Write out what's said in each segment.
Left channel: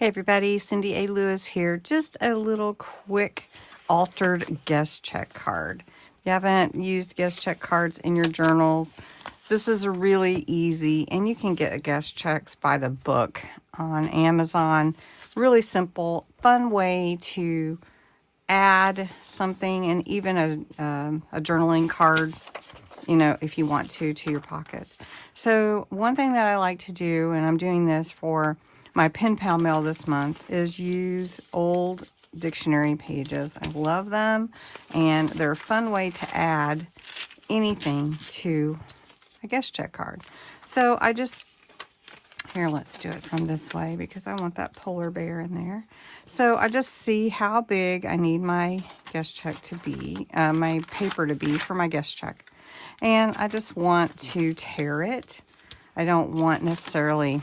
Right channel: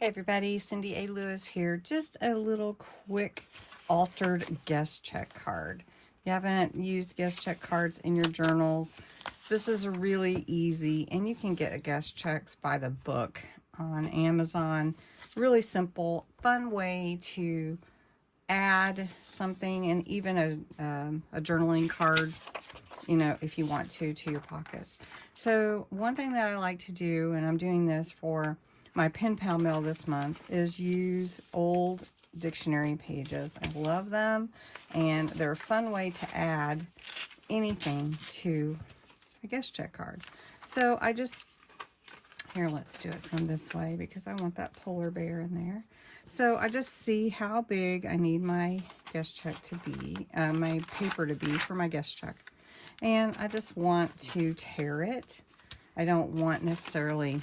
Hey everybody, Cindy A. Lewis here. Just a little quick altered guest check card. If you haven't used guest check cards in your journals, this is really easy, and you can get guest checks by the book on Amazon. Really simple, fun way to add something, and even a journaling card, you know, if you want to your pockets. So one thing that I like to do, and I'm doing this for my pen pal mail this month, is use old dictionary pages. I love them, and they're a fun way to add anything to a guest check card. So I just, here, let's do it from this way because I want that polar bear in there. So I just see how big I need my guest check to be, my paper to be for my guest check. And I just want to tear it. I don't want necessarily,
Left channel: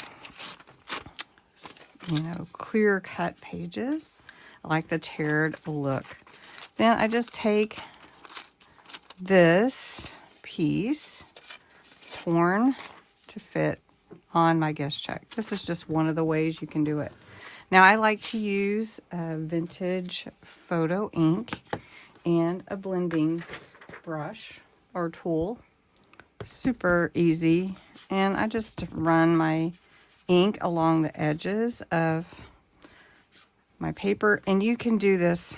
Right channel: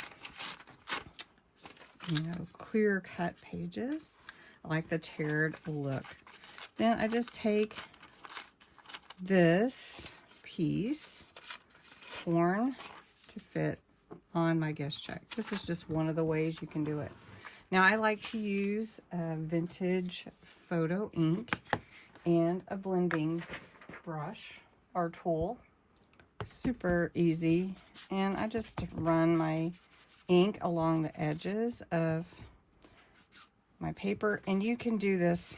you know, clear cut pages. I like the teared look. Then I just take this piece, torn to fit on my guest check. This is just one of the ways you can do it. Now I like to use a vintage photo ink and a blending brush or tool. Super easy. And I just run my ink along the edges of my paper, and you can do this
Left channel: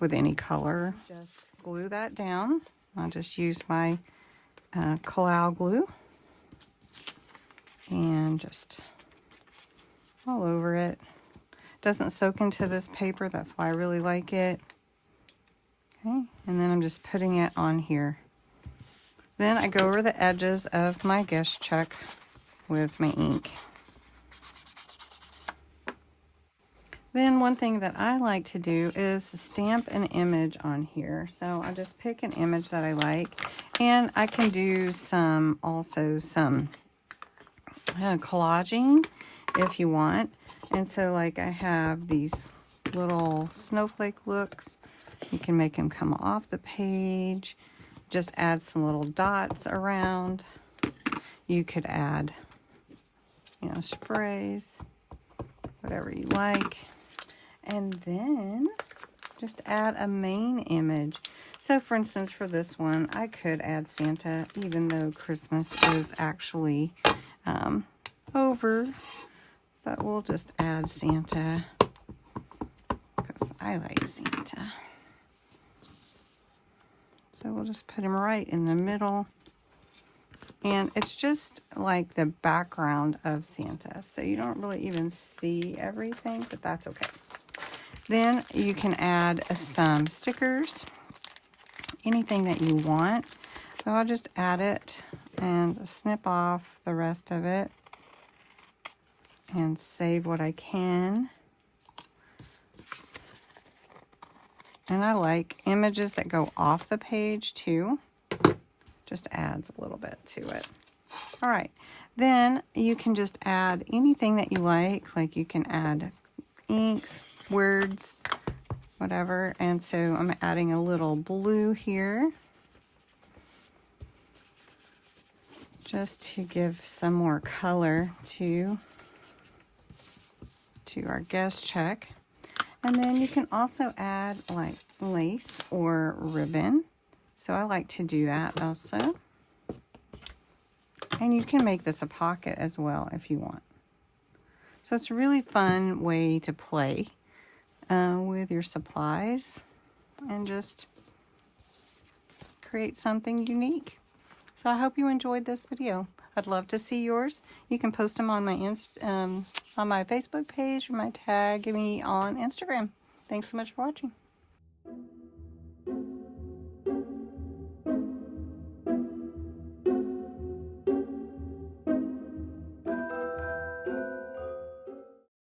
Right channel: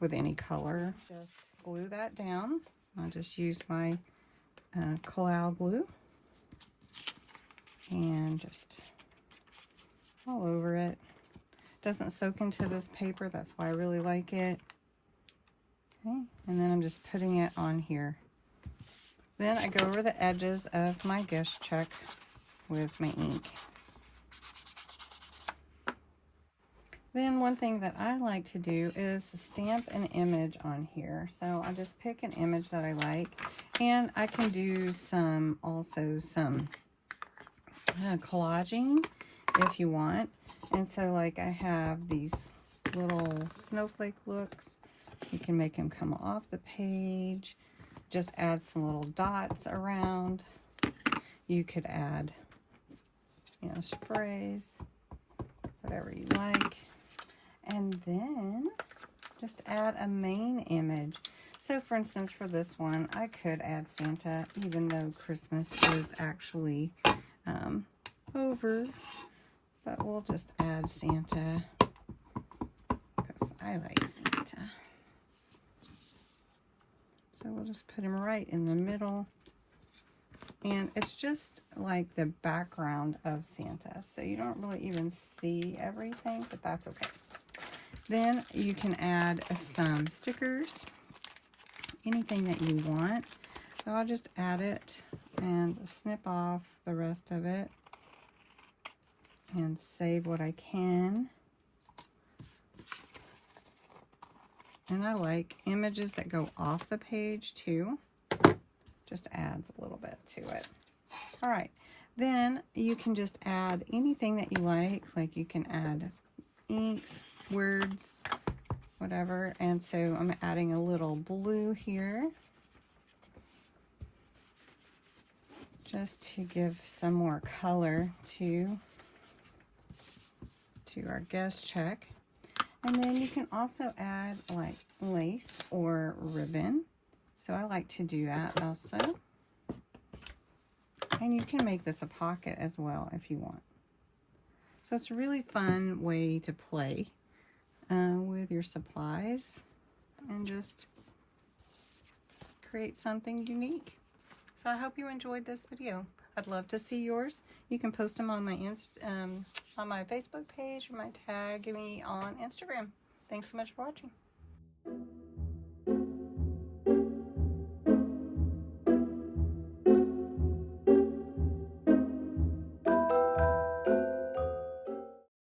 with any color. Just glue that down. I'll just use my collage glue and just all over it. Doesn't soak into this paper, that's why I really like it. Okay, and then I'm just putting it on here. Then I go over the edges of my guest check with my ink. Then one thing that I like to do is stamp an image on here. So I just pick an image that I like, and I can do some collaging if you want. And so like I have these little snowflake looks. You can make them come off the page. Just add some little dots around. You could add, you know, sprays, whatever you like. And then just add a main image. So for instance, for this one, I could add Santa, even though Christmas is actually over. But we'll just add Santa because I like Santa. So we'll just put him right in the middle. And it's just like the background of Santa. So you don't really even see everything, but that's okay. Then you can add some stickers, anything that you want. So I'll just add it and snip off the rest of it and save what I can. And I like images that go off the page too. Just adds a little bit to it. All right, then you can just add anything that you like you can add inks, words, whatever. And so I'm adding a little blue here just to give some more color to our guest check. And then you can also add like lace or ribbon. So I like to do that also. And you can make this a pocket as well if you want. So it's a really fun way to play with your supplies and just create something unique. So I hope you enjoyed this video. I'd love to see yours. You can post them on my Facebook page or tag me on Instagram. Thanks so much for watching.